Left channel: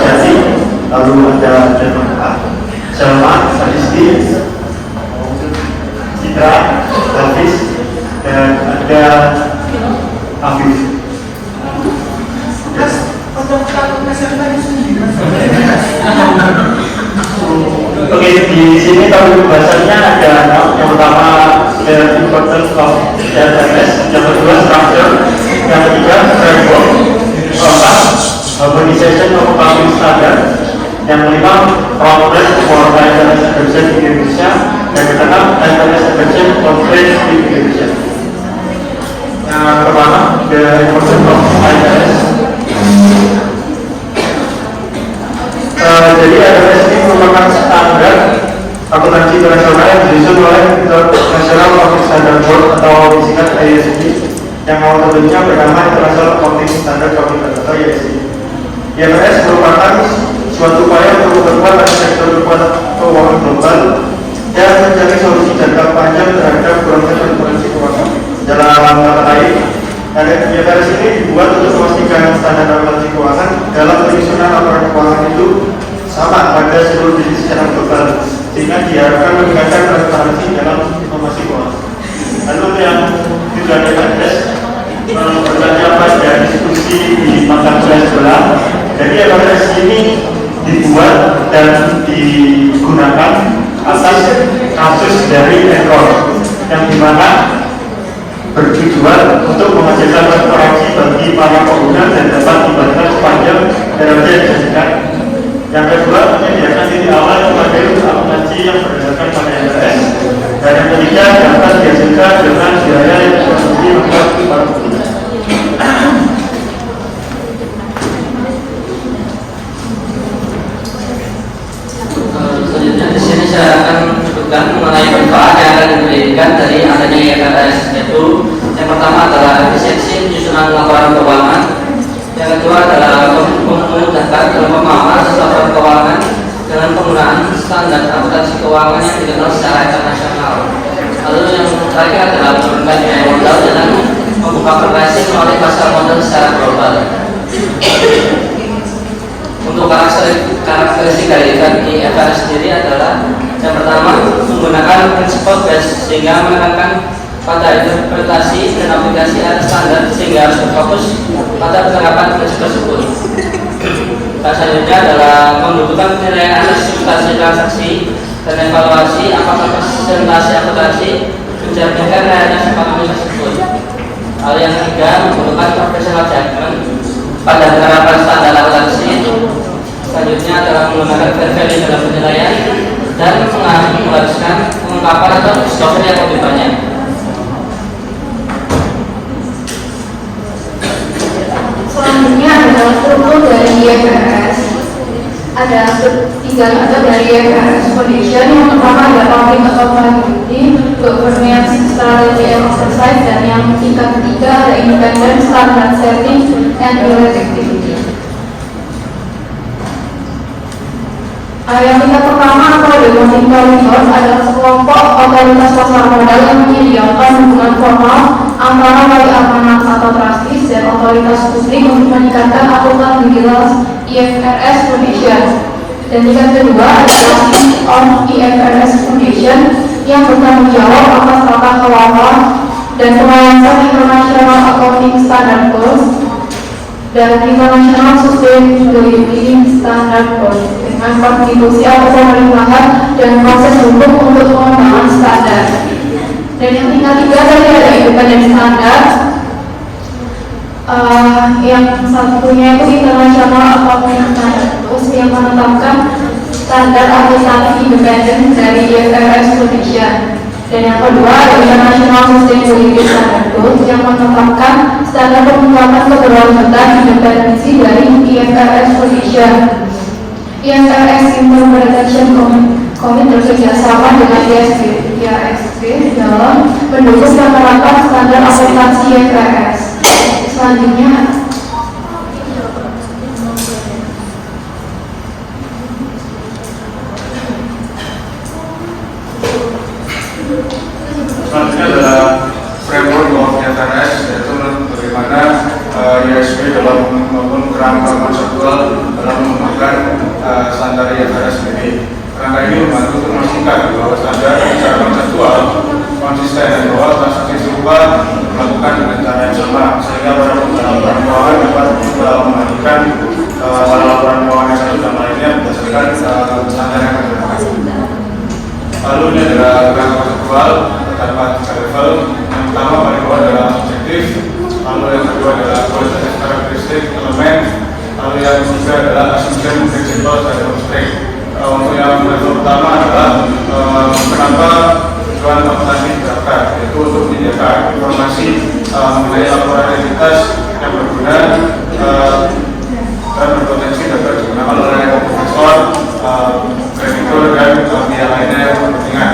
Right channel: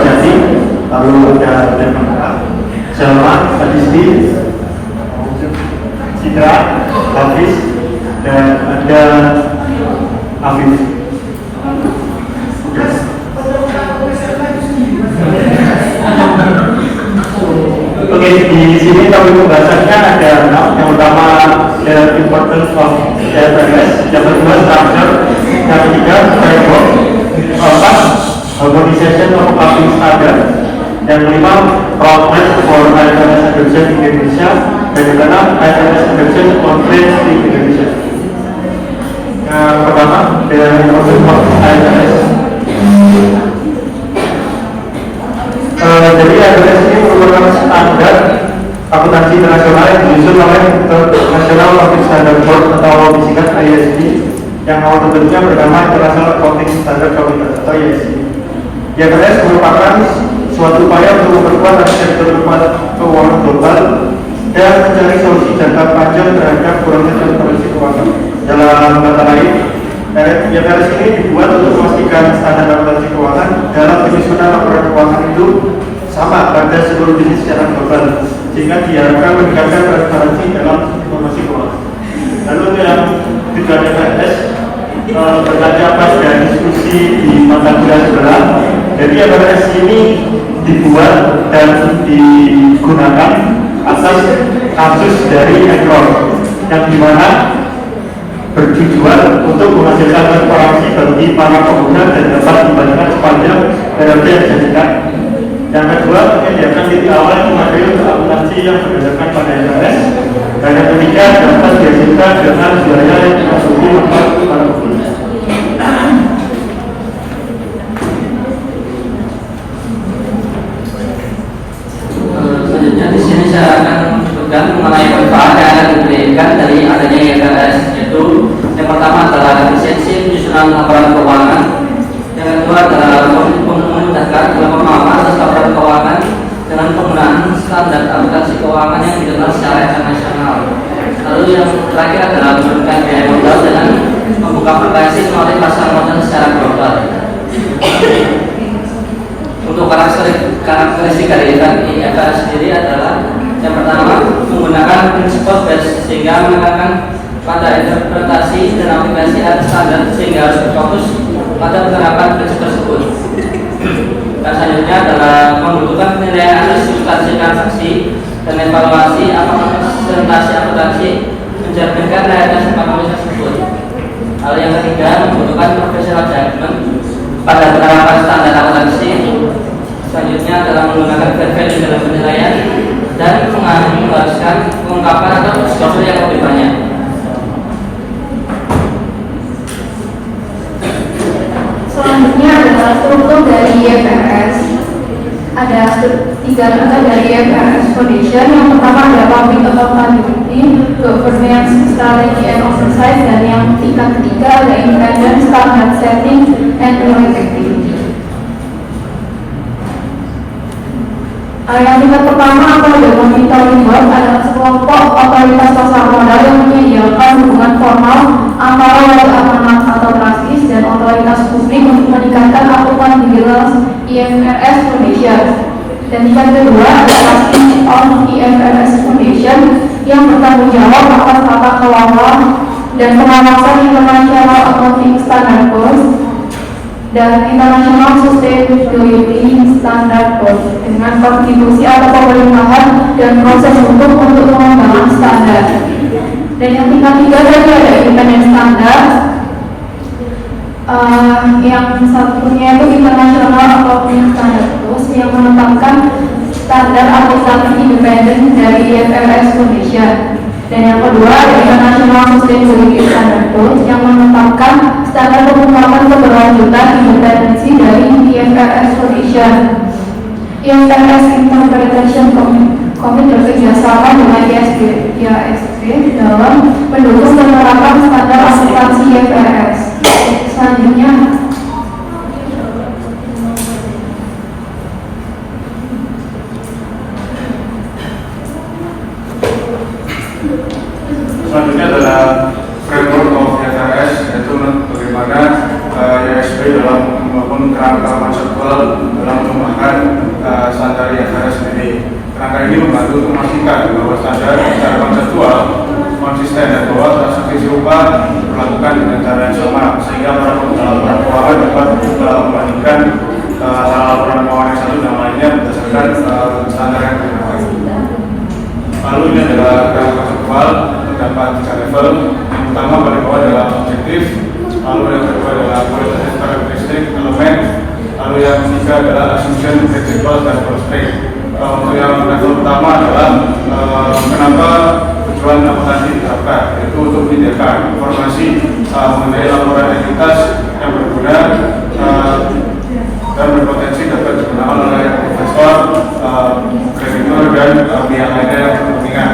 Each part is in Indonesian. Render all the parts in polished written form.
Jati, lalu ada Jakarta, Selma, Sadisti, Citra, Hafiz, dan ada Afif. Oke, di sini topik pembahasannya ada yang pertama the importance of database, yang kedua structure, yang ketiga framework, keempat harmonization of public standard, yang kelima progress for IFRS adoption di Indonesia, dan yang keenam IFRS adoption conference di Indonesia. Pertama, the importance of IFRS. Jadi IFRS ini merupakan standar akuntansi internasional yang disusun oleh International Accounting Standard Board atau disingkat IASB, yang metodenya bernama International Accounting Standard Committee atau IASB. IFRS merupakan suatu upaya untuk memperkuat sektor keuangan global dan mencari solusi jangka panjang terhadap kurangnya transparansi keuangan. Dalam kata lain, IFRS ini dibuat untuk memastikan standar akuntansi keuangan dalam penyusunan laporan keuangan itu sama pada seluruh jenis secara global, sehingga diharapkan meningkatkan transparansi dalam informasi keuangan. Lalu yang tujuan IFRS berkaca pada diskusi di mata kuliah sebelah. Jadi IFRS ini dibuat dan digunakan atas kasus dari ekor yang dimana bertujuan untuk menghasilkan transparansi bagi para pengguna dan dapat dibagikan sepanjang periode yang dijanjikan. Yang kedua, menyediakan titik awal yang mengadai akuntansi yang berdasarkan pada IFRS. Dan yang ketiga, dapat dihasilkan dengan biaya yang terbukti membuat para pengguna. Selanjutnya di sini saya akan menyebutkan mengenai manfaat yang akan diberikan dari adanya IFRS, yaitu yang pertama adalah efisiensi penyusunan laporan keuangan, yang kedua adalah memudahkan dalam pemahaman atas laporan keuangan dengan penggunaan standar akuntansi keuangan yang dikenal secara internasional. Lalu yang terakhir adalah menurunkan biaya modal dengan membuka pricing melalui pasar modal secara global. Untuk karakteristik dari IFRS sendiri adalah yang pertama, menggunakan principle based sehingga menekankan pada interpretasi dan aplikasi atas standar sehingga harus berfokus pada penerapan prinsip tersebut. Dan selanjutnya adalah pembentukan penilaian substansi transaksi dan evaluasi apakah presentasi akuntansi mencerminkan realitas ekonomi tersebut. Hal yang ketiga, membentukkan professional judgment pada penerapan standar akuntansi. Selanjutnya adalah menggunakan value dalam penilaian dan mengharuskan pengungkapan atau disclosure yang lebih banyak. Selanjutnya adalah struktur dari IFRS. Ada tiga lembaga dari IFRS Foundation. Yang pertama adalah public accountability, governance, strategy and oversight, dan yang tingkat ketiga ada independent standard setting and audit activity. Yang tingkat pertama ada monitoring board, adalah sekelompok otoritas pasar modal yang menyediakan hubungan formal antara wali amanat atau trustees dan otoritas publik untuk meningkatkan akutan vigilance IFRS Foundation. Dan tingkat kedua adalah on IFRS Foundation yang bertanggung jawab atas tata kelola dan pengawasan internasional accounting standard goals dan International Sustainability Standard Board dengan kontribusi atas pemerintahan dan proses hukum untuk pengembangan standar. Dan yang tingkat tiga tadi ada independent standard, yang satunya itu International Accounting Standard Board yang menetapkan standar akuntansi independen dari IFRS Indonesia. Dan yang kedua ada International Sustainability Standard Board yang menetapkan standar pengungkapan keberlanjutan independensi dari IFRS Indonesia. IFRS Implementation Committee bekerjasama dengan IASB dalam mendukung penerapan standar akuntansi IFRS. Selanjutnya adalah framework of IFRS, yaitu bagaimana IASB dalam maupun kerangka konseptual dalam mengembangkan ini membantu untuk memastikan bahwa standar secara konseptual konsisten dan bahwa transaksi serupa dilakukan dengan cara yang sama sehingga para pengelola keuangan dapat membandingkan laporan keuangan yang satu dan lainnya berdasarkan standar yang berbeda. Lalu ini adalah kerangka konseptual terdapat 3 level. Yang pertama paling bawah adalah objektif, lalu yang kedua adalah kualitatif karakteristik elemen, lalu yang ketiga adalah assumption principle dan prospek. Untuk yang level pertama adalah kenapa tujuan akuntansi diterapkan, yaitu untuk menyediakan informasi mengenai laporan entitas yang berguna dan berpotensi dapat digunakan oleh investor, kreditur dan pihak lainnya yang berkepentingan.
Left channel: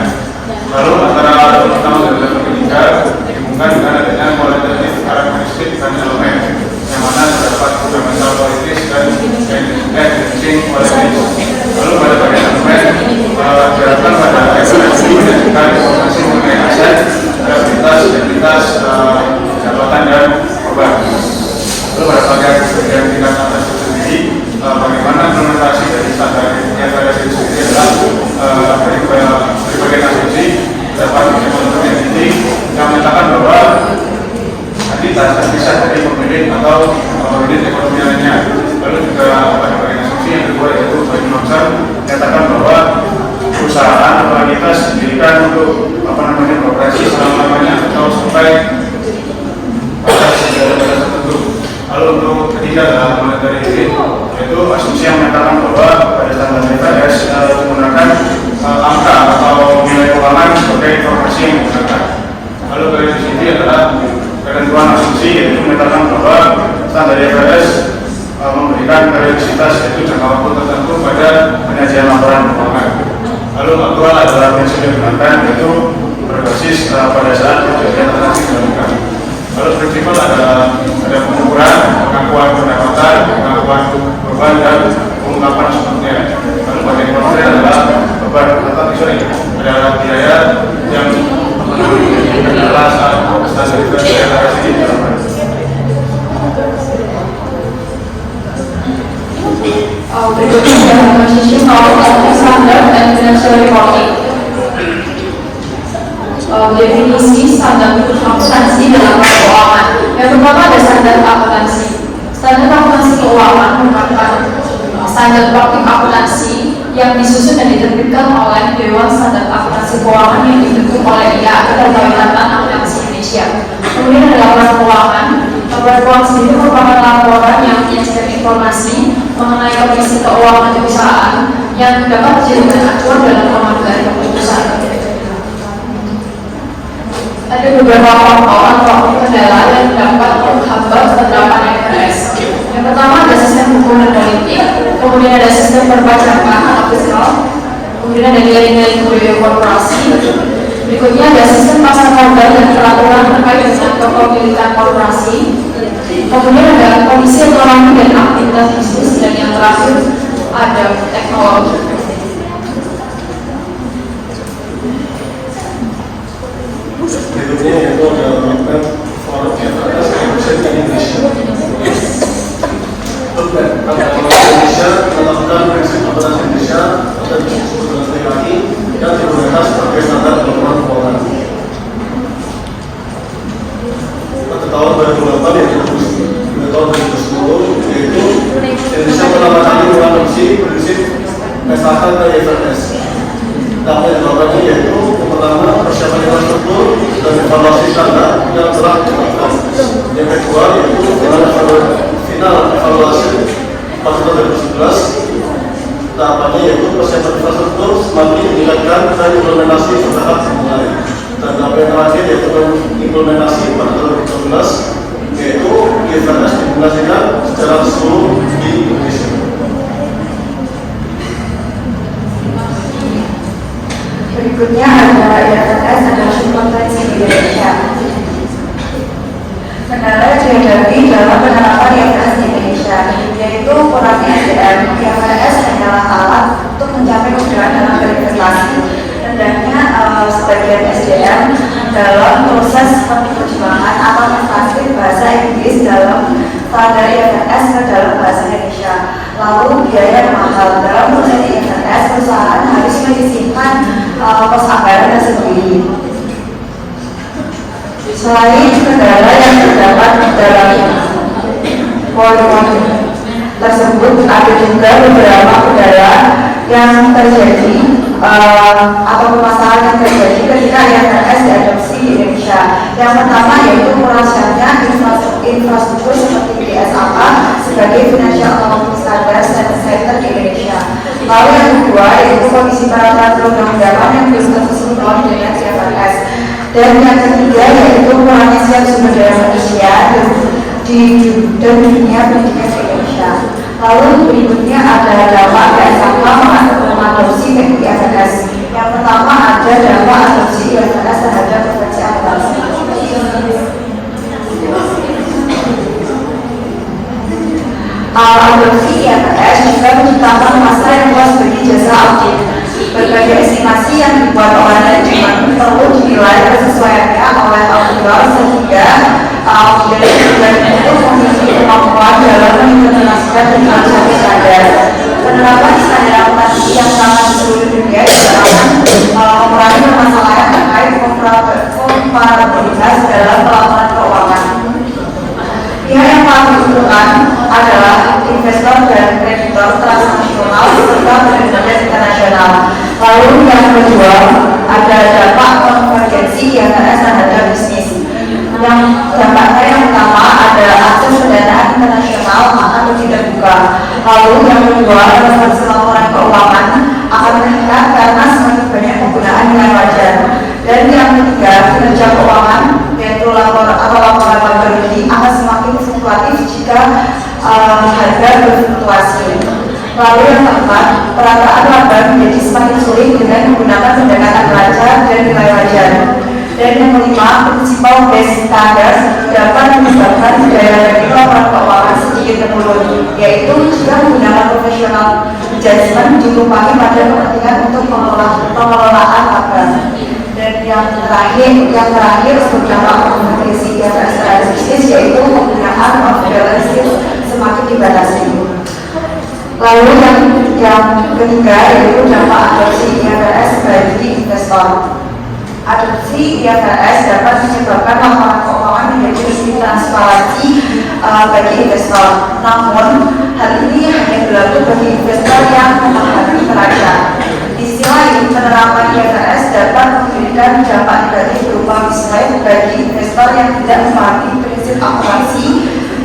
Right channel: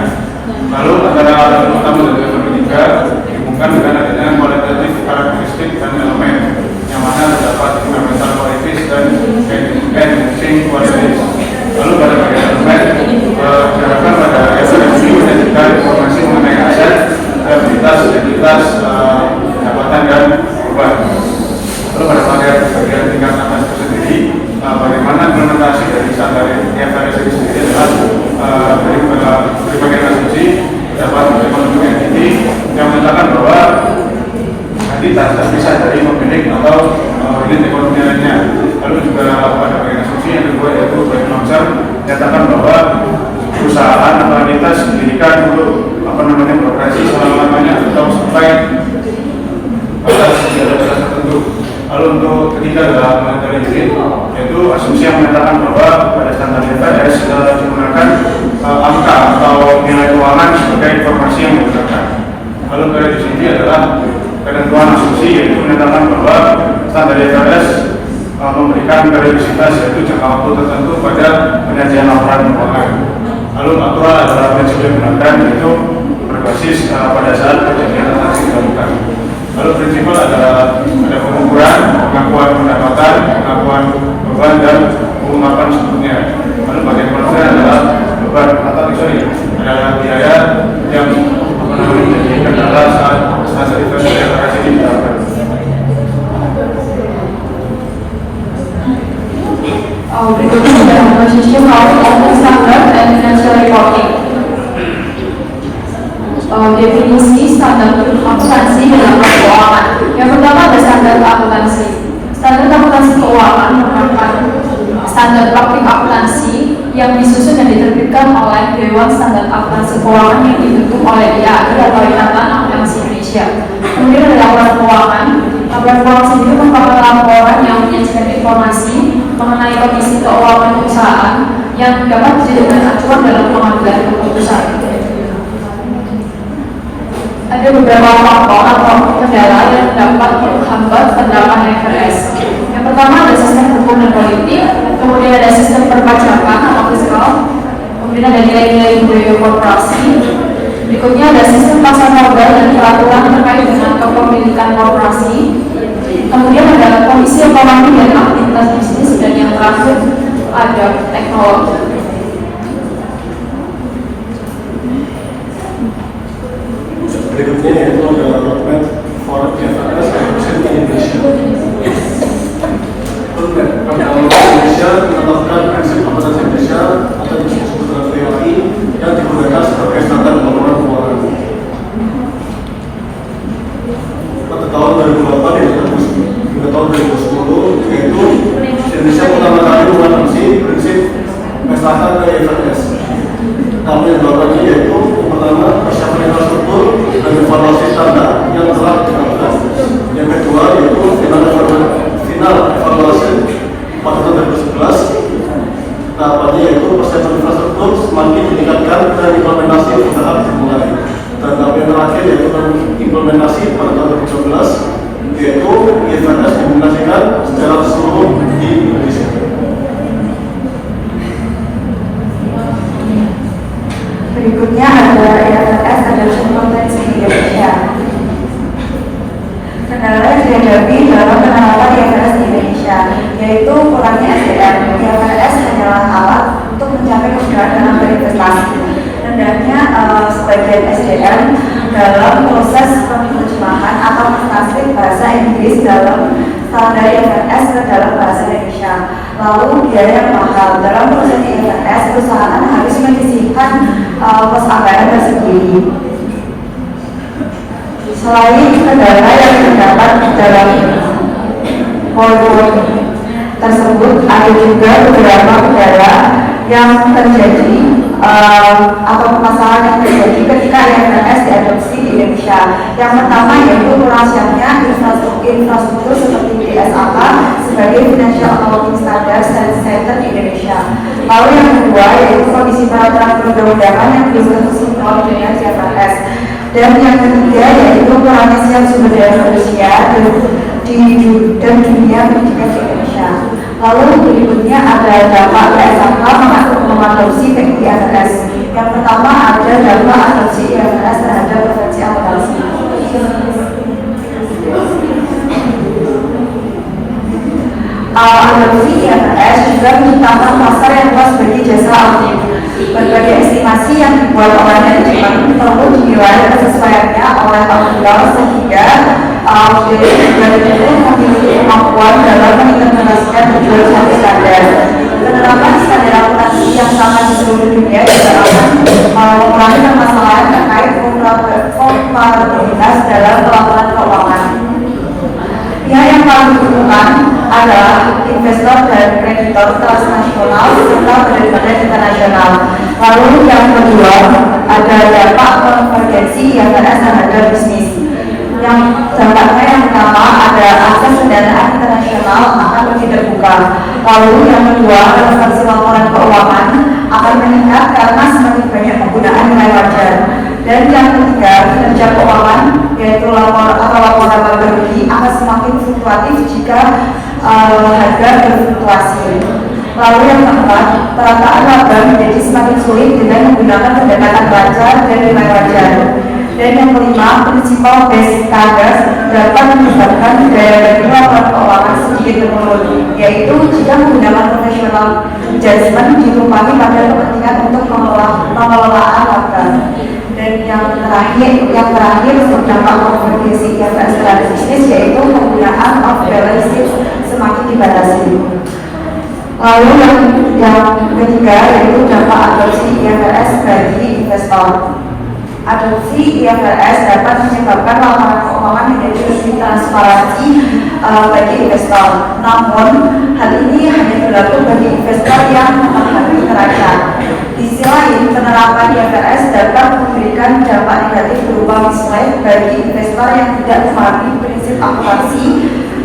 Lalu antara level pertama dan level ketiga dihubungkan dengan adanya kualitatif karakteristik dan elemen, yang mana terdapat fundamental qualities dan enhancing qualities. Lalu pada bagian elemen diharapkan pada evaluasi menjadikan informasi mengenai aset, aktivitas, identitas, pendapatan dan beban. Lalu pada bagian tingkat atas itu sendiri, bagaimana implementasi dari standar IFRS itu sendiri adalah dari bagian asumsi dapat bentuk entity yang menyatakan bahwa entitas terpisah dari pemilik atau unit ekonominya. Lalu juga pada bagian asumsi yang kedua yaitu bagi nomor menyatakan bahwa perusahaan atau entitas didirikan untuk beroperasi selama-lamanya atau sampai batas tertentu. Lalu untuk ketiga adalah monetary unit, yaitu asumsi yang menyatakan bahwa pada standar IFRS menggunakan angka atau nilai keuangan sebagai informasi yang digunakan. Lalu pada di sini adalah ketentuan asumsi yang menyatakan bahwa standar IFRS memberikan periodisitas yaitu jangka waktu tertentu pada penyajian laporan keuangan. Lalu aktual adalah prinsip yang digunakan yaitu berbasis pada saat kejadian transaksi dilakukan. Lalu prinsipal adalah ada pengukuran, pengakuan pendapatan, pengakuan beban dan pengungkapan sebelumnya. Lalu bagian konsen adalah beban atau adalah biaya yang adalah saat standar IFRS ini diterapkan. Berikutnya adalah position of standard and financial reporting. Definisi standar akuntansi dalam keuangan. Yang pertama ada standar akuntansi. Standar akuntansi keuangan merupakan standar praktik akuntansi yang disusun dan diterbitkan oleh Dewan Standar Akuntansi Keuangan yang dibentuk oleh IAI atau Ikatan Akuntansi Indonesia. Kemudian ada laporan keuangan. Laporan keuangan sendiri merupakan laporan yang menyajikan informasi mengenai kondisi keuangan perusahaan yang dapat dijadikan acuan dalam pengambilan keputusan. Ada beberapa faktor atau kendala yang dapat menghambat penerapan IFRS. Yang pertama ada sistem hukum dan politik, kemudian ada sistem perpajakan atau fiskal, kemudian ada nilai-nilai budaya korporasi, berikutnya ada sistem pasar modal dan peraturan terkait dengan kepemilikan korporasi, kemudian ada kondisi ekonomi dan aktivitas bisnis, dan yang terakhir ada teknologi. Berikutnya yaitu ada program forum IFRS yang bersama Indonesia. Program Indonesia menetapkan prinsip akuntansi Indonesia atau disebut dengan PWI dan digunakan sebagai standar laporan keuangan. Pada tahun 2008 hingga tahun 2010 yaitu Indonesia pertama kali mengadopsi prinsip SAH ke IFRS. Pertama yang dilakukan yaitu pertama persiapan infrastruktur dan evaluasi standar yang telah dilakukan. Yang kedua yaitu dalam final evaluasi pada tahun 2011. Tahapannya yaitu persiapan infrastruktur semakin ditingkatkan dan implementasi bertahap dimulai. Dan tahap yang terakhir yaitu implementasi pada tahun 2012 yaitu IFRS diimplementasikan secara seluruh di Indonesia. Berikutnya ada IFRS Financial Compliance Indonesia. ke dalam bahasa Indonesia. Lalu biaya yang mahal dalam proses IFRS, perusahaan harus menyisihkan pos anggaran tersendiri. Selain kendala yang terdapat dalam poin tersebut, ada juga beberapa kendala yang terjadi atau permasalahan yang terjadi ketika IFRS diadopsi di Indonesia. Yang pertama yaitu kurangnya infrastruktur seperti BSAK sebagai Financial Accounting Standards dan Center di Indonesia. Lalu yang kedua yaitu kondisi peraturan perundang-undangan yang belum tersinkron dengan IFRS. Dan yang ketiga yaitu kurangnya siap sumber daya manusia dan dunia pendidikan di Indonesia. Lalu berikutnya ada dampak BSAK mengadopsi IFRS. Yang pertama ada dampak adopsi IFRS terhadap profesi akuntansi. Adopsi IFRS juga menciptakan pasar yang luas bagi jasa audit. Berbagai estimasi yang dibuat oleh manajemen perlu dinilai kesesuaiannya oleh auditor sehingga auditor itu memiliki kemampuan dalam mengintegrasikan tujuan standar. Penerapan standar akuntansi yang sama di seluruh dunia diharapkan mengurangi permasalahan terkait komparabilitas dalam pelaporan keuangan. Yang paling diuntungkan adalah investor dan kreditor transnasional serta penerbangan internasional. Lalu yang kedua ada dampak konvergensi yang ada terhadap bisnis. Yang dampaknya yang pertama ada akses pendanaan internasional akan lebih terbuka. Lalu yang kedua relevansi laporan keuangan akan meningkat karena semakin banyak penggunaan nilai wajar. Dan yang ketiga kinerja keuangan yaitu laporan laba bersih akan semakin fluktuatif jika harga berfluktuasi. Lalu yang keempat, perataan laba menjadi semakin sulit dengan menggunakan pendekatan wajar dan nilai wajar. Dan yang kelima, prinsipal base standards dapat menyebabkan daya dari laporan keuangan sedikit teknologi, yaitu jika menggunakan profesional judgment ditumpahi pada kepentingan untuk pengelolaan laba. Dan yang terakhir sebenarnya konvergensi IFRS dan bisnis yaitu penggunaan off balance sheet semakin dibatasi. Lalu yang ketiga yaitu dampak adopsi IFRS bagi investor. Adopsi IFRS dapat menyebabkan laporan keuangan menjadi lebih transparansi bagi investor. Namun hal ini hanya berlaku bagi investor yang memahami neraca. Di sisi lain, penerapan IFRS dapat memberikan dampak negatif berupa mislead bagi investor yang tidak memahami prinsip akuntansi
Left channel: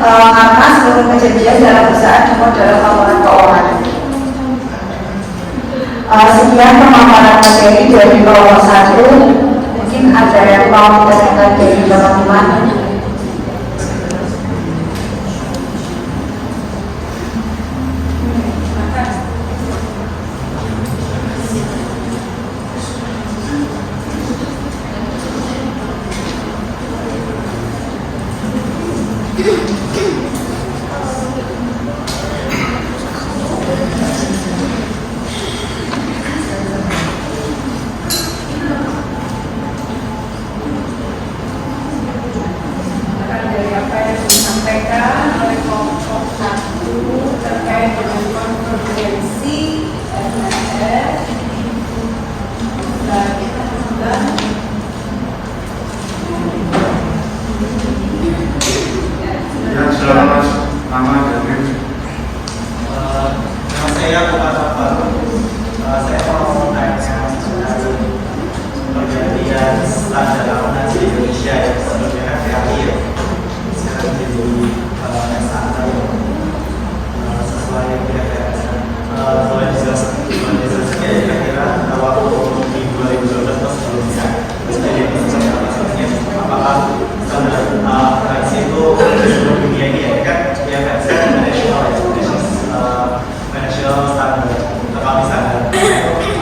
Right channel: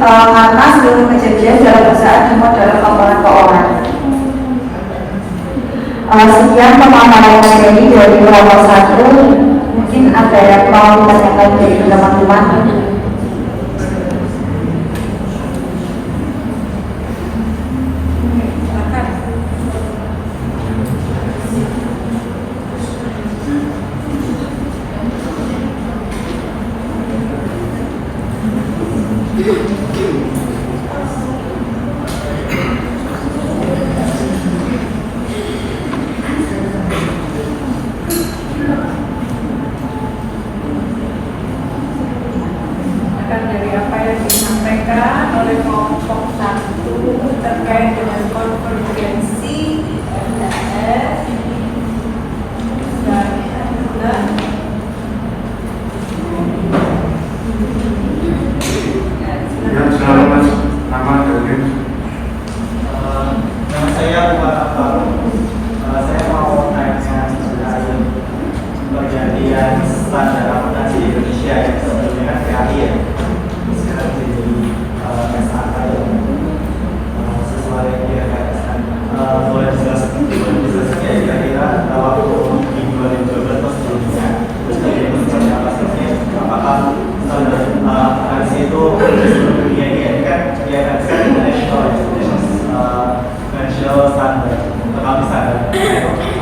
karena seluruh kejadian dalam perusahaan dimuat dalam laporan keuangan. Sekian pemaparan materi dari nomor 1. Mungkin ada yang mau ditanyakan dari teman-teman.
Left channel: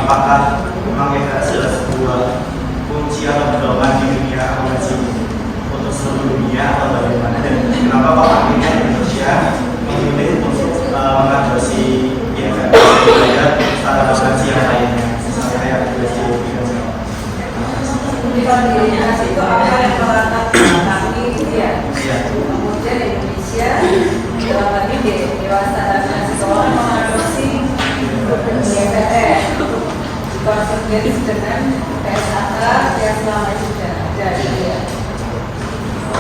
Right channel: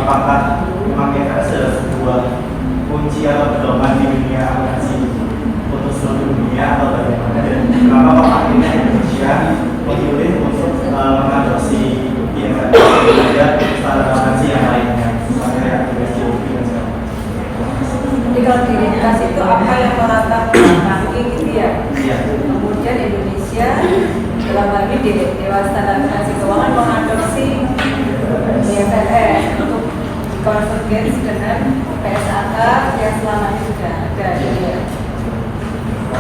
Apakah memang kita adalah sebuah kunci atau pedoman di dunia akuntansi untuk seluruh dunia atau bagaimana, dan kenapa Pak akhirnya Indonesia memilih untuk mengadopsi dan standar akuntansi yang lainnya, misalnya kayak GOP dan sebagainya. Jadi kalau di Indonesia itu apa yang melakukan ranking dia, kemudian Indonesia bagi Dewan Standar Mahasiswa mengadopsi DPR konvergens dengan PSAK yang selama juga ada.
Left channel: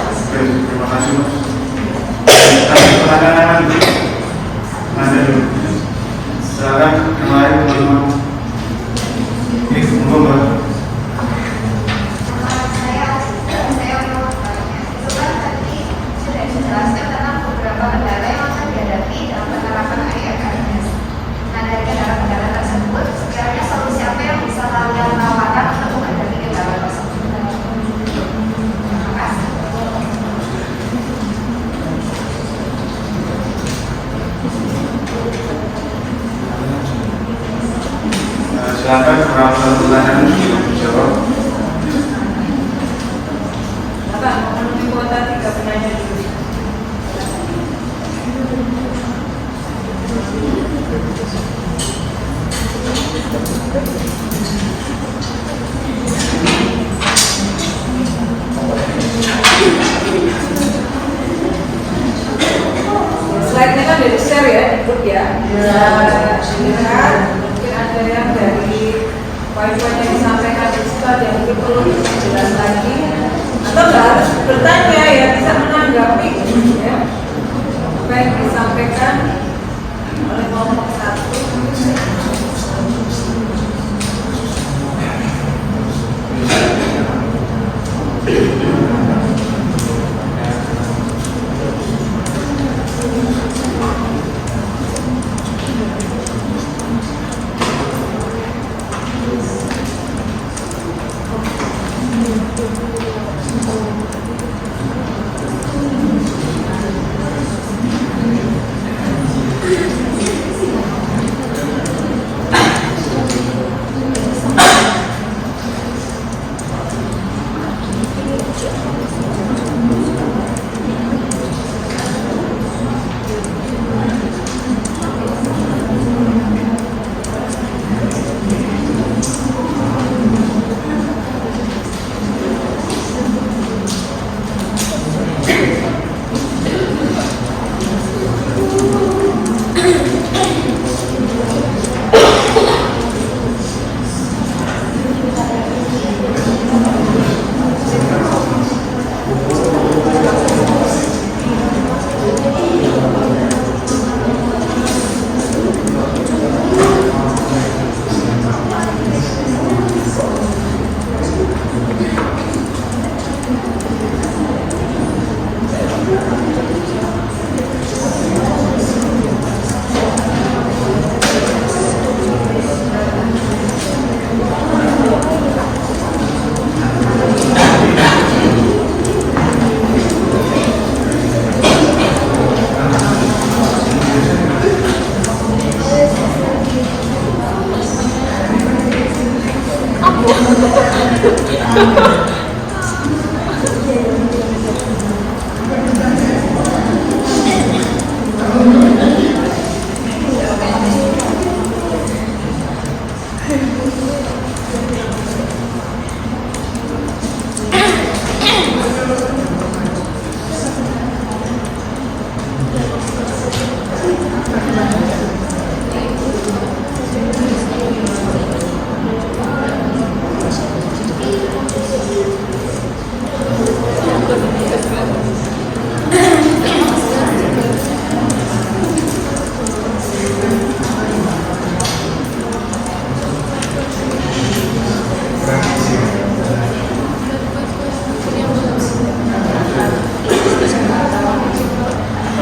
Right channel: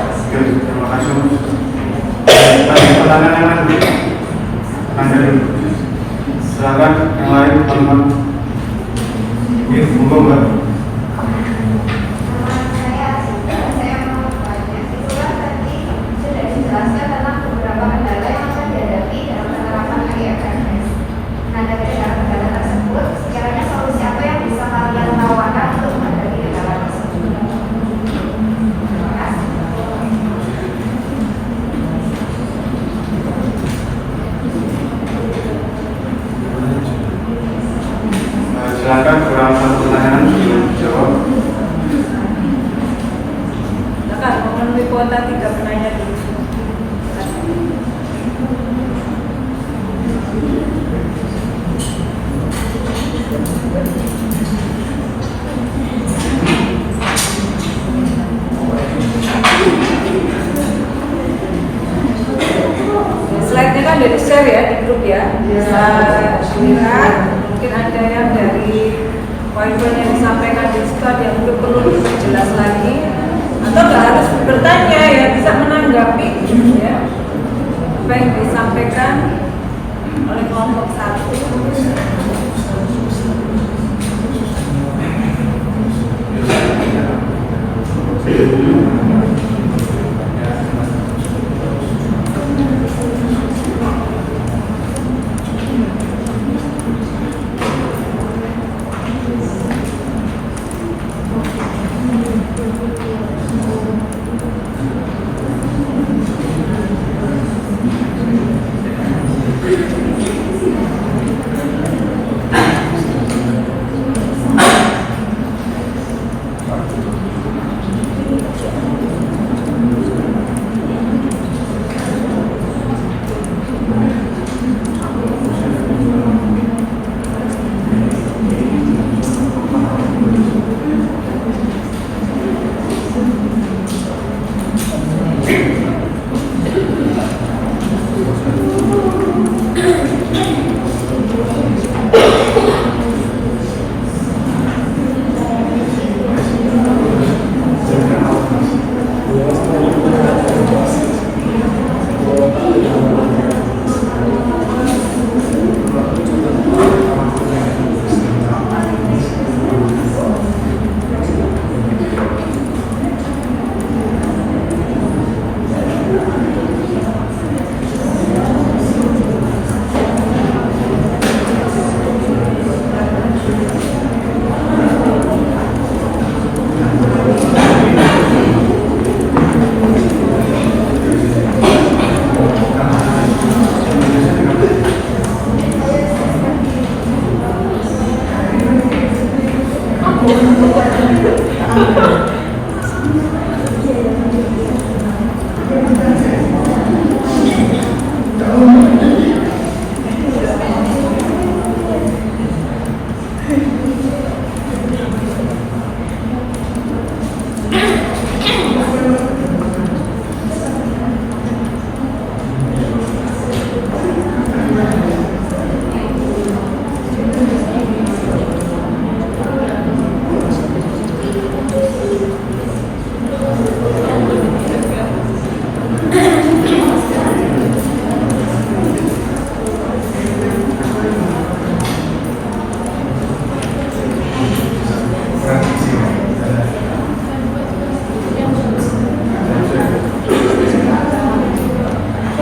Oke, terima kasih. Kita pertanyaan nanti. Anda dulu. Silakan yang lain teman-teman. Oke, monggo Mbak. Silakan beberapa pertanyaan dijawab. Memenuhi kuota 3 penanya dulu. Slide-nya kan dari share ya, grup ya. Silakan. Mungkin ada yang dari wifi yang disampaikan di situ ada yang perlu jelas lagi. Atau nggak harus bertanya ya, bisa menanggapi ya. Apa yang disampaikan oleh kelompok 1.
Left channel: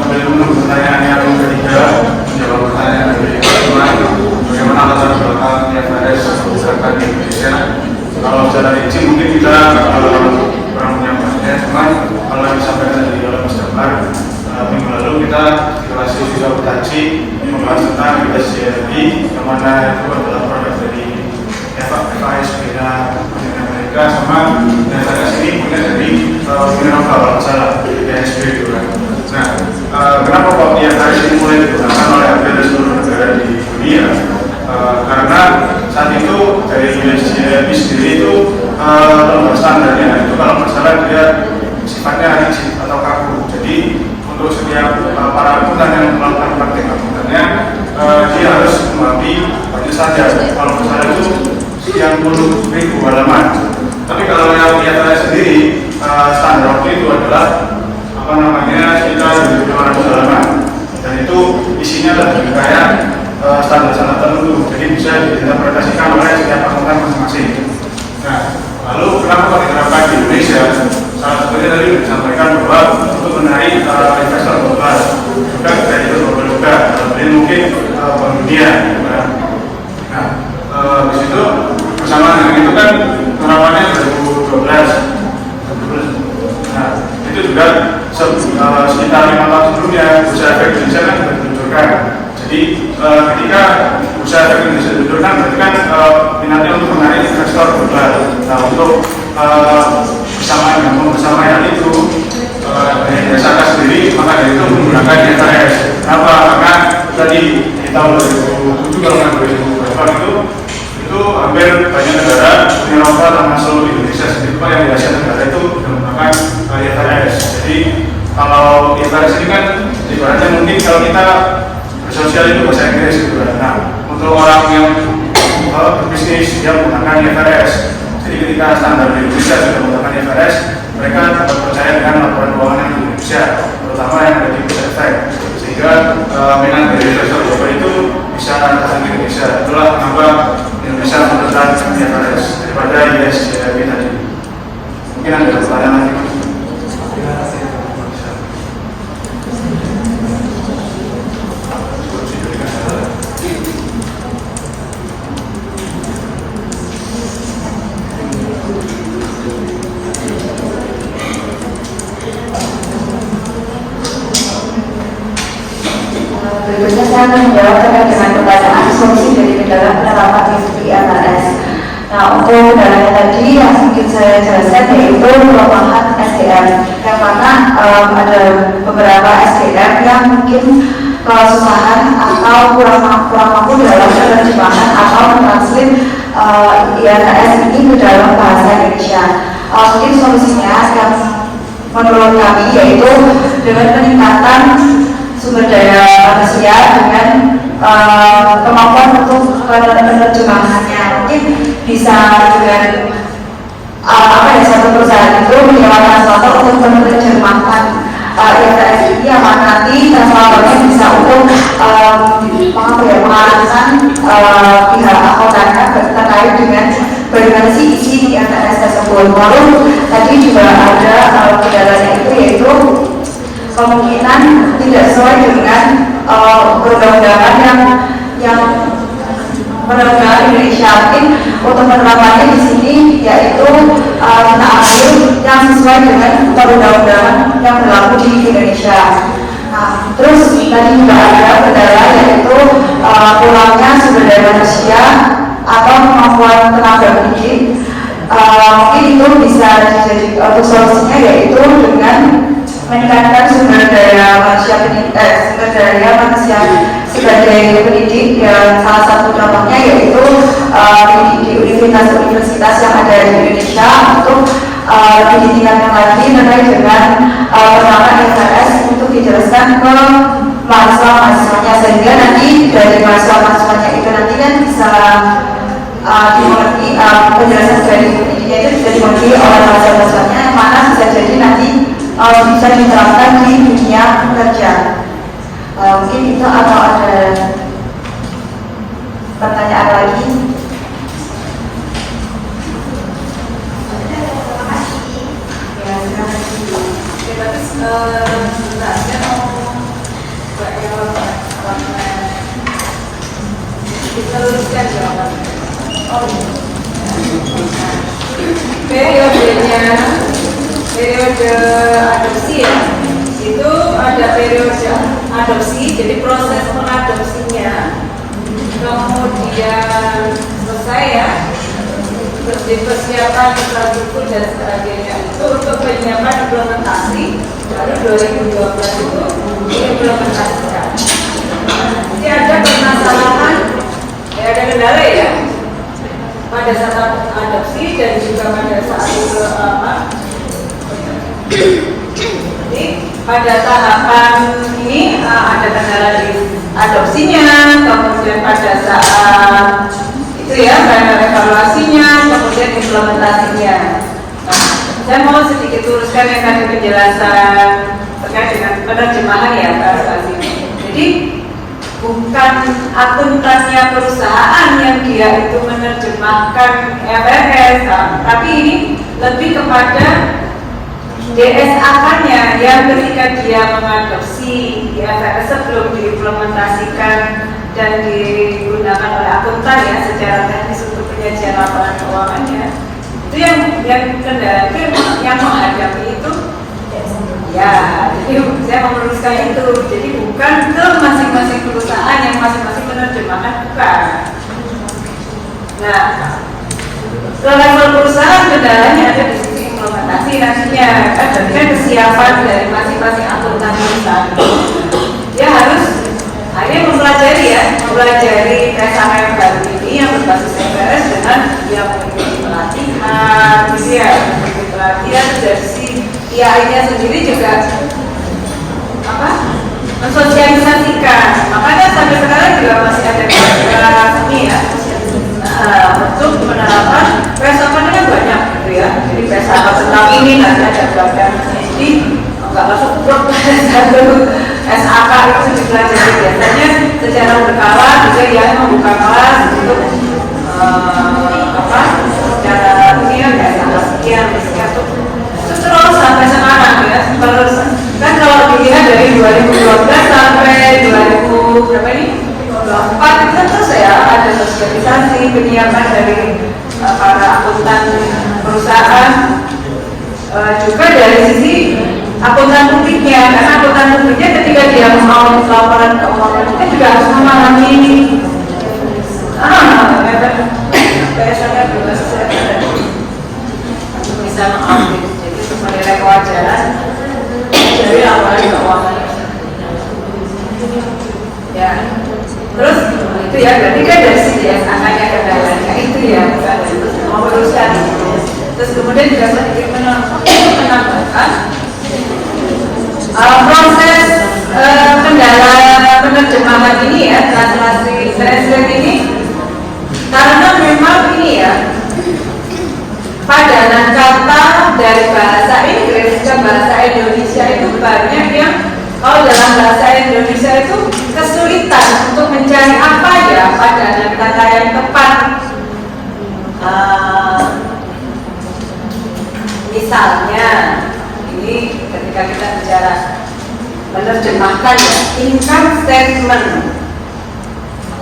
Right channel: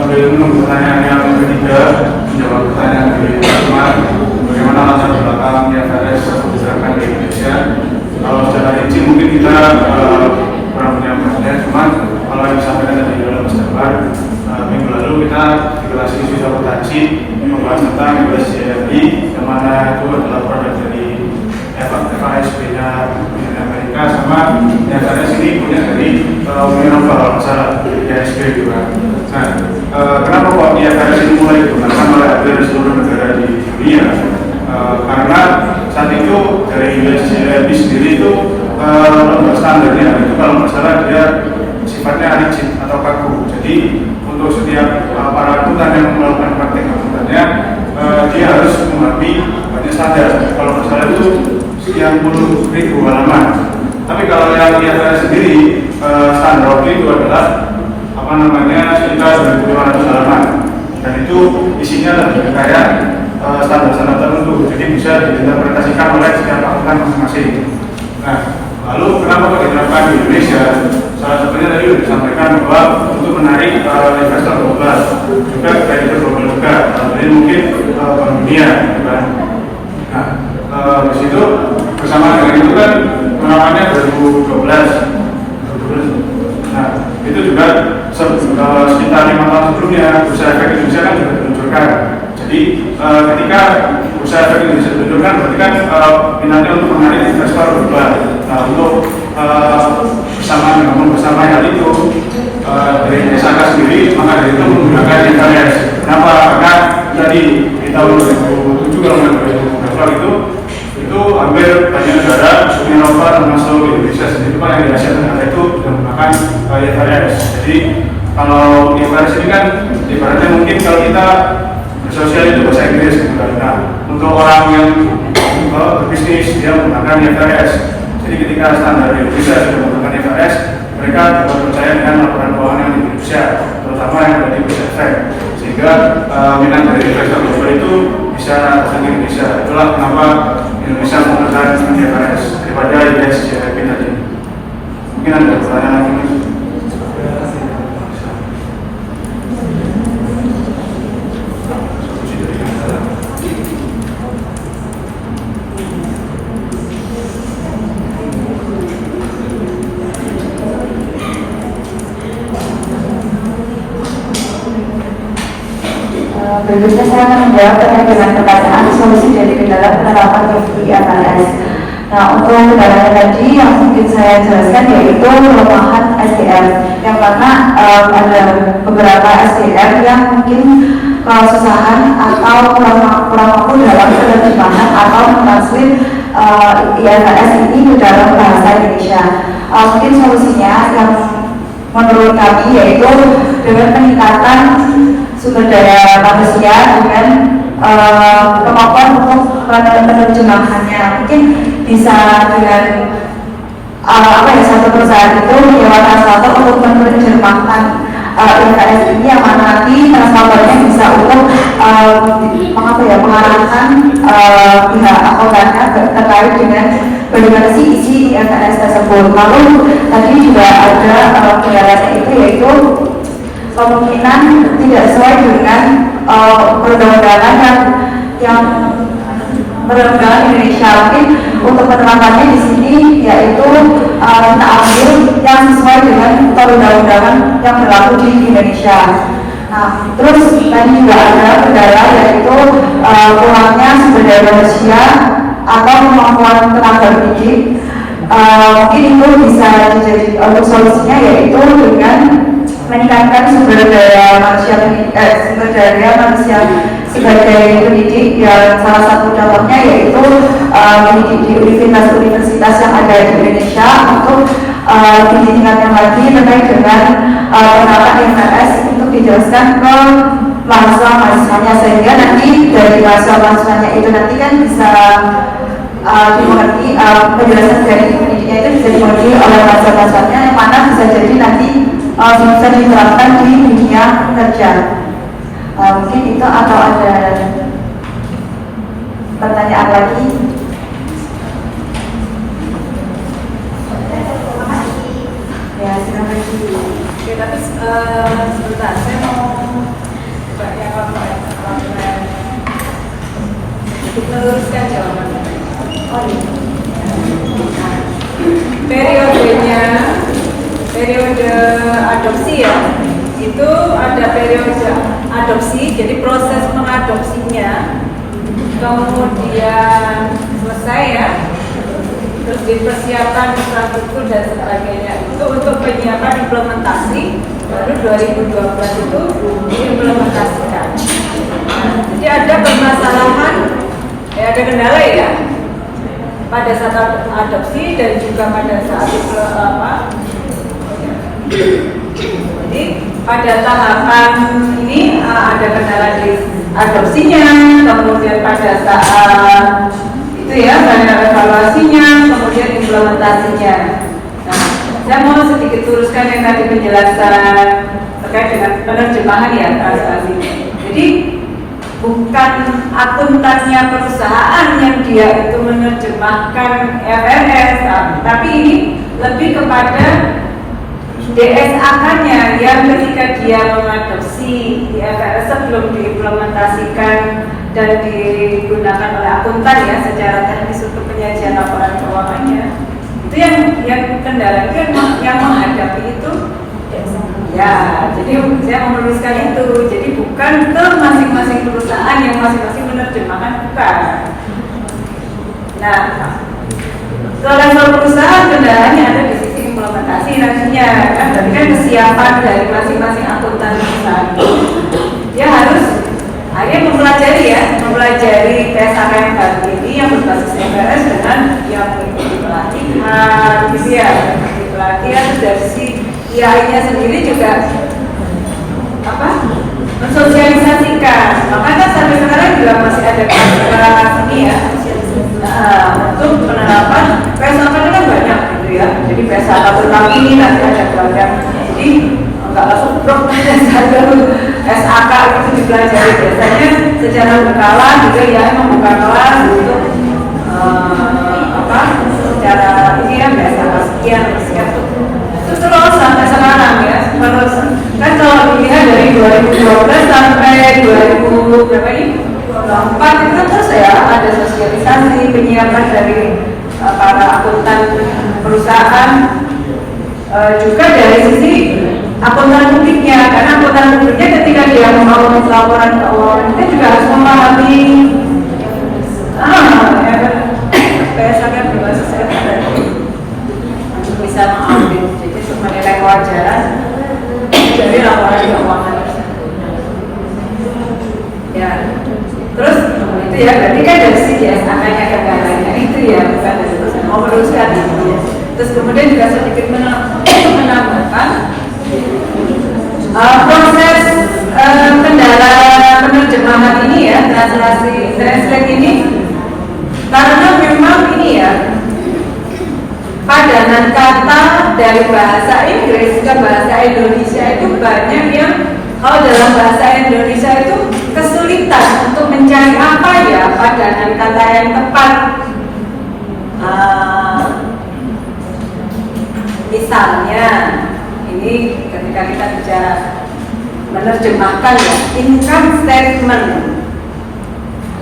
Sambil menunggu pertanyaan yang ketiga, menjawab pertanyaan yang kelima, bagaimana latar belakangnya FRS beserta di Indonesia. Kalau secara izin mungkin kita kurang punya pertanyaan, cuman kalau yang disampaikan tadi dalam gambar minggu lalu kita di kelas siswa berhaji membahas tentang SCRB, yang mana itu adalah produk dari FAS Amerika, sama yang ada sini punya dari Mineral Bangsa dari PSB juga. Nah, kenapa kok IFRS ini mulai digunakan oleh hampir seluruh negara di dunia? Karena saat itu dari USCRB sendiri itu lembaga standarnya itu kalau masalah dia sifatnya rigid atau kaku. Jadi untuk setiap para akuntan yang melakukan praktek akutannya dia harus melewati banyak standar. Kalau misalnya itu sekian puluh ribu halaman. Tapi kalau yang dia sendiri standar itu adalah apa namanya sekitar 1.200 halaman. Dan itu isinya lebih kayak standar-standar tertentu, jadi bisa diinterpretasikan oleh setiap pasukan masing-masing. Nah, lalu kenapa Pak diterapkan di Indonesia? Salah satunya tadi disampaikan bahwa untuk menarik investor global, juga kreditur global juga, ini mungkin bank dunia, gitu kan. Nah, di situ bersama dengan itu kan penerapannya 2012. Nah, itu juga sekitar 5 tahun sebelumnya Bursa Efek Indonesia kan sudah diluncurkan. Jadi ketika Bursa Efek Indonesia diluncurkan berarti kan minatnya untuk menarik investor global. Nah, untuk bersama hal itu dari SAK sendiri maka dari itu menggunakan IFRS. Kenapa? Karena tadi di tahun 2007 kalau nggak itu hampir banyak negara Eropa termasuk Indonesia sendiri Pak yang di Asia Tenggara itu menggunakan IFRS. Jadi kalau IFRS ini kan ibaratnya mungkin kalau kita bersosial itu bahasa Inggris gitu kan. Nah, untuk orang yang berbisnis dia menggunakan IFRS. Jadi ketika standar Indonesia juga menggunakan IFRS, mereka dapat percaya dengan laporan keuangan Indonesia, terutama yang ada di Bursa Efek. Sehingga minat dari investor global itu bisa datang ke Indonesia. Itulah kenapa Indonesia menggunakan IFRS daripada ISCFP tadi. Mungkin ada pertanyaan lagi. Berikutnya saya akan menjawab terkait dengan pertanyaan solusi dari penerapan IFRS. Nah, untuk kendalanya tadi yang mungkin saya jelaskan yaitu perubahan SDM. Yang karena ada beberapa SDM yang mungkin kesusahan atau kurang mampu dalam penerjemahan atau mentranslate IFRS ini ke dalam bahasa Indonesia. Mungkin solusinya yang menurut kami yaitu dengan peningkatan sumber daya manusia dengan kemampuan untuk penerjemahannya. Mungkin bisa dengan satu perusahaan itu menyewa translator untuk menerjemahkan IFRS ini yang nanti translatornya bisa untuk mengarahkan pihak akuntannya terkait dengan bagaimana sih isi IFRS tersebut. Lalu tadi juga ada kendalanya itu yaitu kemungkinan tidak sesuai dengan perundangan yang perundangan Indonesia. Mungkin untuk penerapannya di sini yaitu ambil yang sesuai dengan perundang-undangan yang berlaku di Indonesia. Nah, terus tadi juga ada kendala yaitu kurangnya sumber daya manusia atau kemampuan tenaga pendidik. Mungkin itu bisa jadi untuk solusinya yaitu dengan meningkatkan sumber daya manusia sebagai pendidik, dan salah satu contohnya yaitu di universitas-universitas yang ada di Indonesia untuk lebih ditingkatkan lagi terkait dengan penerapan IFRS untuk dijelaskan ke mahasiswa-mahasiswanya, sehingga nanti dari mahasiswa-mahasiswanya itu nanti kan bisa dimengerti penjelasan dari pendidiknya itu bisa dimengerti oleh mahasiswa-mahasiswanya, yang mana bisa jadi nanti bisa diterapkan di dunia kerja. Mungkin itu, atau ada pertanyaan lagi? Ya, terima kasih. Kita teruskan jawabannya. Periode adopsi ya, itu ada periode adopsi, jadi proses mengadopsinya, kemudian selesai ya, terus dipersiapkan infrastruktur dan sebagainya. Itu untuk penyiapan implementasi, baru 2012 itu diimplementasikan. Jadi ada permasalahan, ya ada kendala ya, pada saat adopsi dan juga pada saat jadi pada tahapan ini ada kendala di adopsinya, kemudian pada saat itu ya evaluasinya, kemudian implementasinya. Nah, saya mau sedikit luruskan yang tadi penjelasan terkait dengan penerjemahan ya translasi. Jadi bukan akuntannya perusahaan yang dia itu menerjemahkan FRS, tapi ini lebih kepada DSA-nya yang ketika dia mengadopsi IFRS sebelum diimplementasikan dan digunakan oleh akuntan ya secara teknis untuk penyajian laporan keuangannya, itu yang kendala yang menghadapi itu ya. Jadi saya meluruskan itu, jadi bukan ke masing-masing perusahaan yang masing-masing menerjemahkan, bukan. Nah, level perusahaan kendalanya ada di sisi implementasi nantinya, kan kesiapan dari masing-masing akuntan perusahaan. Dia harus akhirnya mempelajari TSA yang baru ini yang berbasis FRS dengan dia mengikuti pelatihan, pelatihan dari si IAI-nya sendiri juga mensosialisasikan. Makanya sampai sekarang juga masih ada beberapa ini ya untuk menerapkan PSAK ini kan banyak gitu ya. Jadi PSAK tentang ini nanti ada program. Jadi nggak masuk program SAK itu juga dari biasanya secara berkala gitu ya, membuka kelas untuk secara begini kan sekian terus sampai sekarang ya. Terus kan kalau dilihat dari 2012 sampai 2000 berapa ini 2004 itu terus ya ada sosialisasi penyiapan dari para akuntan perusahaan, juga dari sisi akuntan publiknya, karena akuntan publiknya ketika dia mau laporan keuangan itu juga harus memahami bisa mengambil jadi menilai kewajaran dari laporan keuangan ya. Terus itu ya berarti kan dari sisi yang namanya kendalanya itu ya bukan mau teruskan. Terus kemudian juga sedikit menambahkan proses kendala penerjemahan ini ya, translate ini karena memang ini ya padanan kata dari bahasa Inggris ke bahasa Indonesia itu banyak yang dalam bahasa Indonesia itu kesulitan untuk mencari apa ya padanan kata yang tepat. Misalnya ini ketika kita bicara menerjemahkan ya, income statement.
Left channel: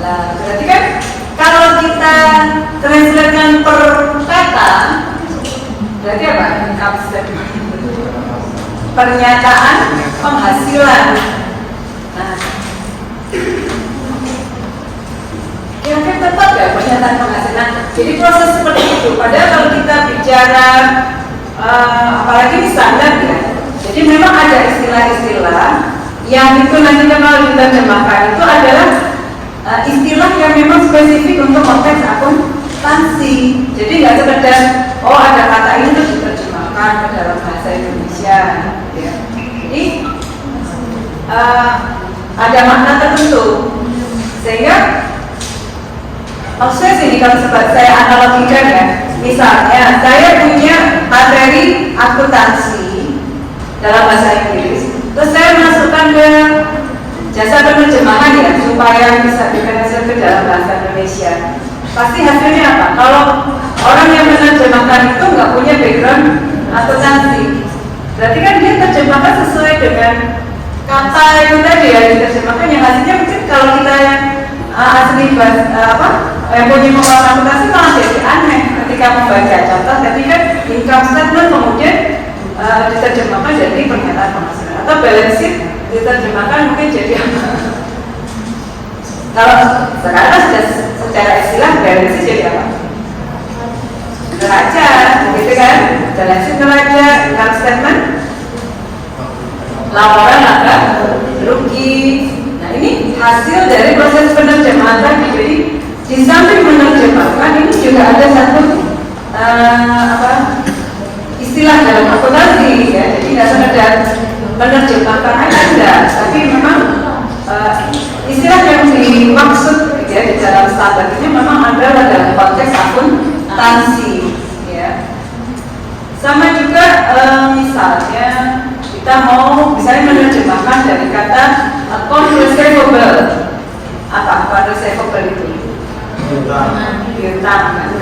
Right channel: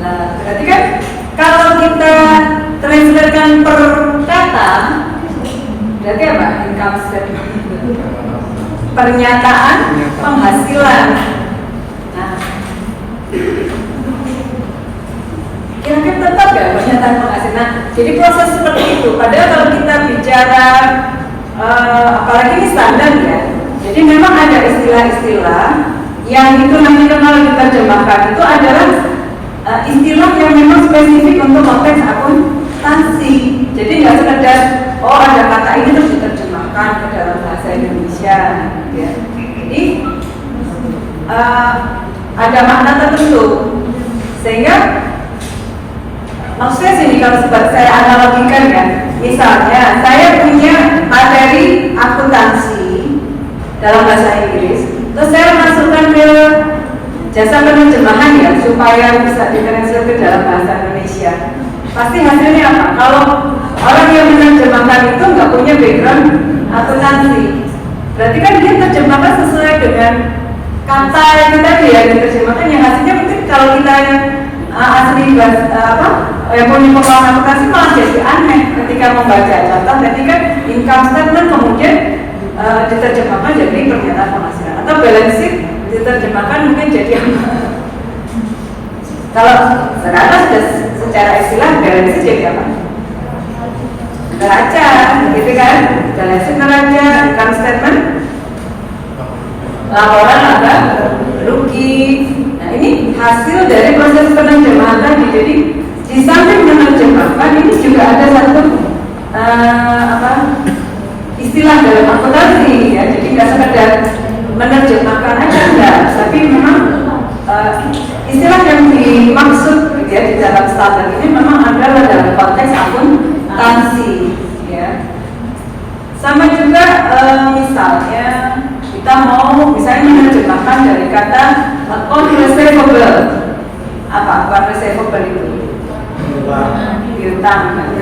Nah, berarti kan kalau kita translatekan per kata, berarti apa income statement? Pernyataan penghasilan. Nah, kira-kira tepat ya pernyataan penghasilan. Jadi proses seperti itu. Padahal kalau kita bicara apalagi ini standar ya. Jadi memang ada istilah-istilah yang itu nanti kalau kita terjemahkan itu adalah istilah yang memang spesifik untuk konteks akuntansi. Jadi nggak sekedar ada kata ini terus diterjemahkan ke dalam bahasa Indonesia. Ya. Jadi ada makna tertentu sehingga maksudnya sini kalau saya analogikan ya, misalnya saya punya materi akuntansi dalam bahasa Inggris, terus saya masukkan ke jasa penerjemahan ya supaya bisa ditranslate ke dalam bahasa Indonesia. Pasti hasilnya apa? Kalau orang yang menerjemahkan itu nggak punya background akuntansi, berarti kan dia terjemahkan sesuai dengan kata itu tadi ya diterjemahkan, yang hasilnya mungkin kalau kita yang asli punya pengalaman akuntansi malah jadi aneh ketika membaca contoh tadi kan income statement kemudian diterjemahkan jadi pernyataan penghasilan atau balance sheet diterjemahkan mungkin jadi apa? Kalau sekarang sudah secara istilah balance sheet jadi apa? Neraca, gitu kan? Balance sheet neraca, income statement, laporan apa? Rugi. Nah ini hasil dari proses penerjemahan tadi. Jadi di samping menerjemahkan ini juga ada satu istilah dalam akuntansi ya. Jadi nggak sekedar menerjemahkan aja enggak, tapi memang standar ini memang ada dalam konteks akuntansi, ya. Sama juga misalnya kita mau misalnya menerjemahkan dari kata account receivable. Apa account receivable itu? Piutang,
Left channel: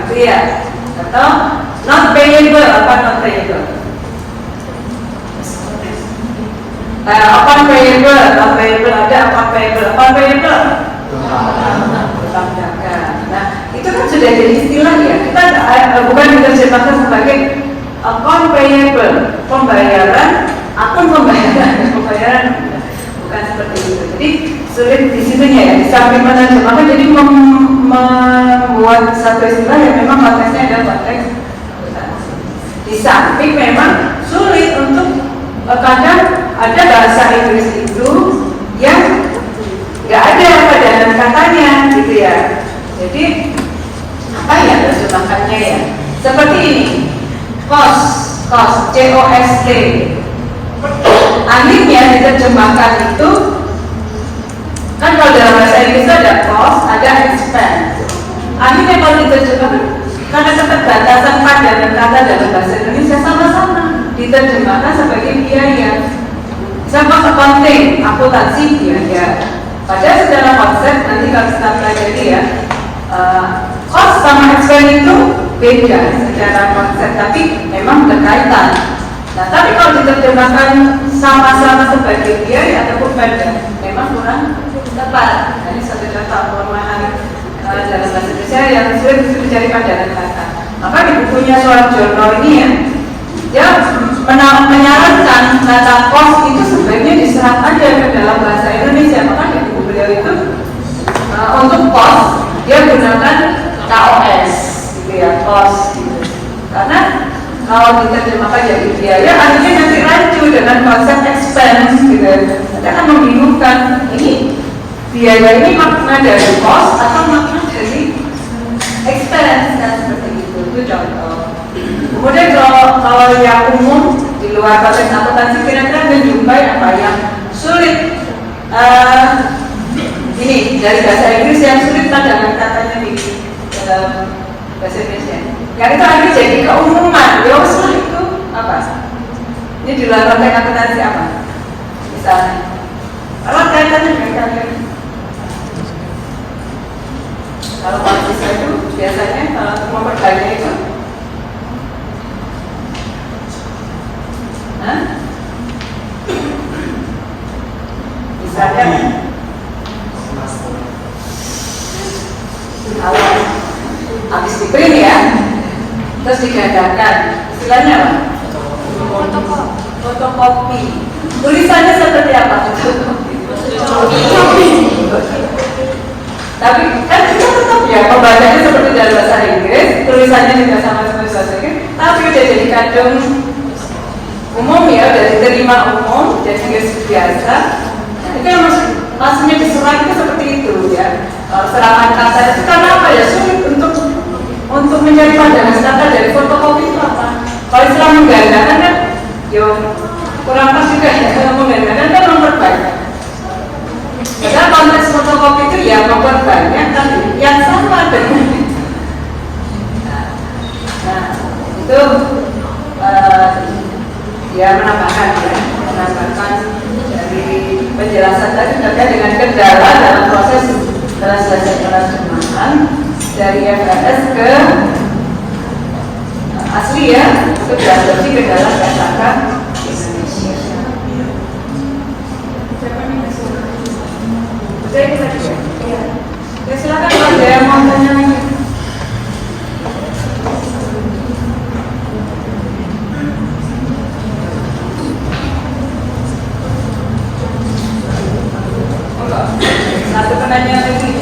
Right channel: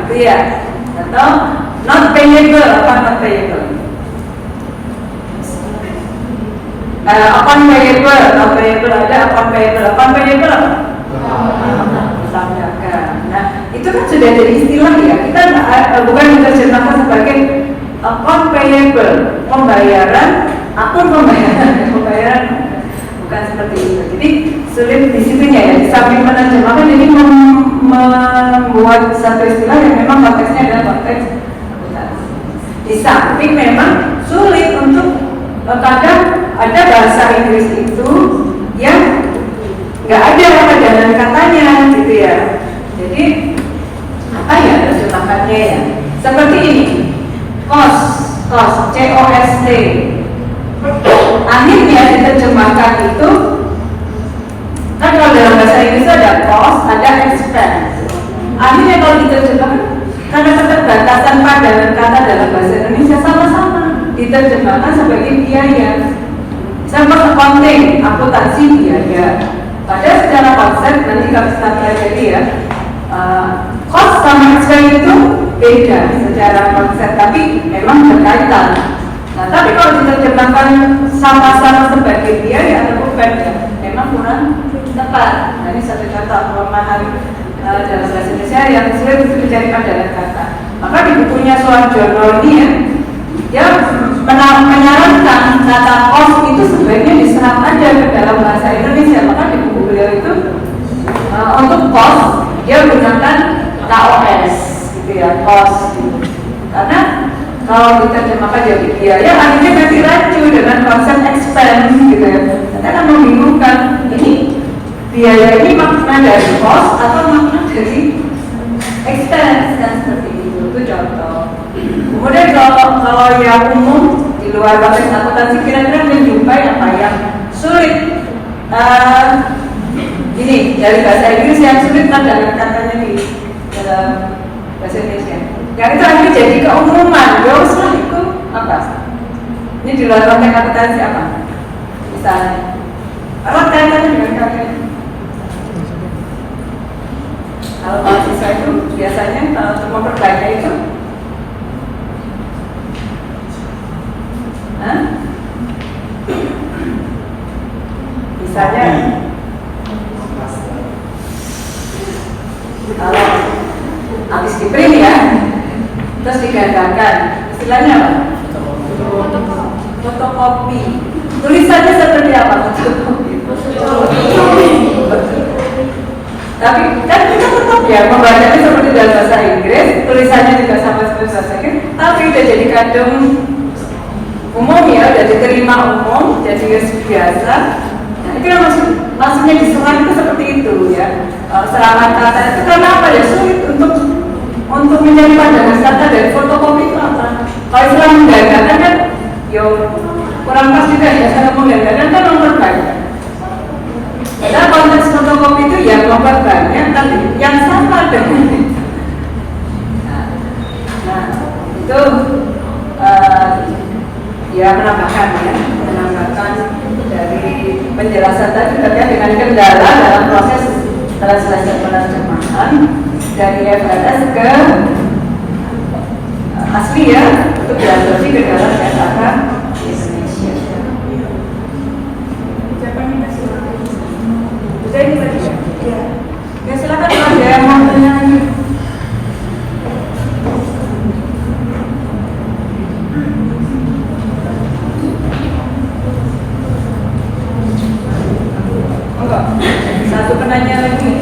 gitu ya. Atau not payable, apa not payable? Account payable ada, account payable. Nah, itu kan sudah jadi istilah ya. Kita bukan diterjemahkan sebagai account payable, pembayaran, akun pembayaran, bukan seperti itu. Jadi sulit di sini ya. Di samping penerjemahan, jadi membuat satu istilah yang memang konteksnya adalah konteks akuntansi. Di samping memang sulit untuk kadang ada bahasa Inggris itu yang nggak ada padanan katanya gitu ya. Jadi apa ya terjemahannya ya? Seperti ini, cost, cost, C-O-S-T. Akhirnya diterjemahkan itu kan kalau dalam bahasa Inggris ada cost, ada expense. Akhirnya kalau diterjemahkan karena keterbatasan padanan kata dalam bahasa Indonesia sama-sama diterjemahkan sebagai biaya. Sama accounting, akuntansi biaya. Padahal secara konsep nanti kalau kita pelajari ya, cost sama expense itu beda secara konsep, tapi memang berkaitan. Nah, tapi kalau diterjemahkan sama-sama sebagai biaya atau bukan, memang kurang tepat. Ini satu contoh kelemahan dalam bahasa Indonesia yang sulit untuk mencari padanan kata. Maka di bukunya Suarjono ini ya, menyarankan kata cost itu sebaiknya diserap aja ke dalam bahasa Indonesia. Maka di buku beliau itu untuk cost dia gunakan KOS gitu ya, cost gitu. Karena kalau diterjemahkan jadi biaya, akhirnya nanti rancu dengan konsep expense gitu ya. Kita akan membingungkan ini biaya ini makna dari cost atau makna dari expense, dan seperti itu contoh. Kemudian kalau yang umum di luar konteks akuntansi kira-kira menjumpai apa yang sulit ini dari bahasa Inggris yang sulit adalah katanya di dalam bahasa Indonesia. Yang itu akhirnya jadi keumuman. Ya usul itu apa? Ini di luar konteks akuntansi apa? Misalnya, kalau kaitannya dengan kata ini, kalau mahasiswa itu biasanya kalau memperbaiki itu misalnya kalau habis di print ya, terus digagalkan, istilahnya apa? Fotokopi. Tulisannya seperti apa? Fotokopi. Tapi kan kita tetap ya membacanya seperti dalam bahasa Inggris, tulisannya juga sama seperti bahasa Inggris, tapi udah jadi kadung umum ya, udah diterima umum, jadi wis biasa. Itu yang maksudnya di surat itu seperti itu ya. Serangan kata itu karena apa ya, sulit untuk mencari padanan kata dari fotokopi itu apa? Kalau istilah menggandakan kan, ya kurang pas juga ya. Kalau menggandakan kan memperbanyak. Karena konteks fotokopi itu ya memperbanyak, tapi yang sama dengan itu dia menambahkan dari penjelasan tadi terkait dengan kendala dalam proses translasi penerjemahan dari FRS ke asli ya, ke translasi ke dalam kata Indonesia. Ya silakan ada yang mau tanya. Satu penanya lagi.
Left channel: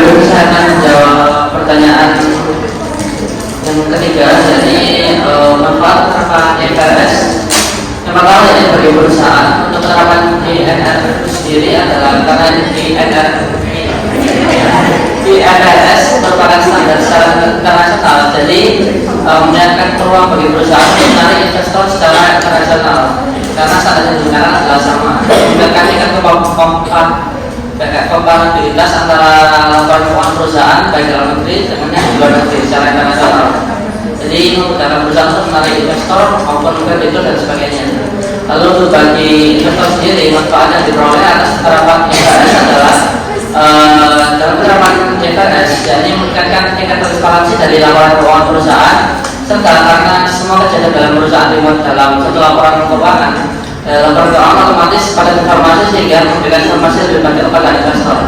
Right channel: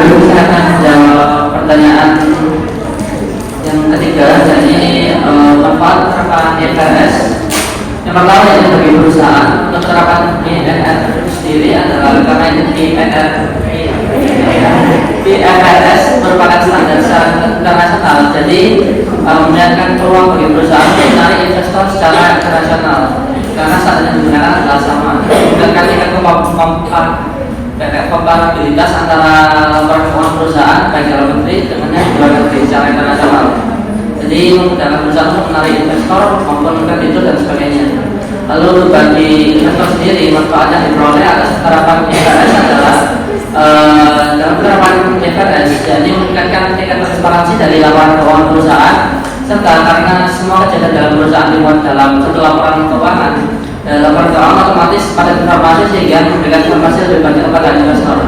berikutnya saya akan menjawab pertanyaan yang ketiga, jadi manfaat penerapan IFRS. Yang pertama, jadi bagi perusahaan untuk penerapan IFRS itu sendiri adalah karena IFRS merupakan standar secara internasional, jadi menyediakan peluang bagi perusahaan yang menarik investor secara internasional karena standar yang digunakan adalah sama, meningkatkan tingkat kompatibilitas antara performa perusahaan baik dalam negeri dengan di luar negeri secara internasional. Jadi memudahkan perusahaan untuk menarik investor maupun kreditur dan sebagainya. Lalu bagi investor sendiri, manfaat yang diperoleh atas penerapan IFRS adalah dalam penerapan IFRS, jadi meningkatkan tingkat transparansi dari laporan keuangan perusahaan, serta karena semua kejadian dalam perusahaan dibuat dalam satu laporan keuangan. Laporan keuangan otomatis pada informasi sehingga memberikan informasi lebih banyak kepada investor.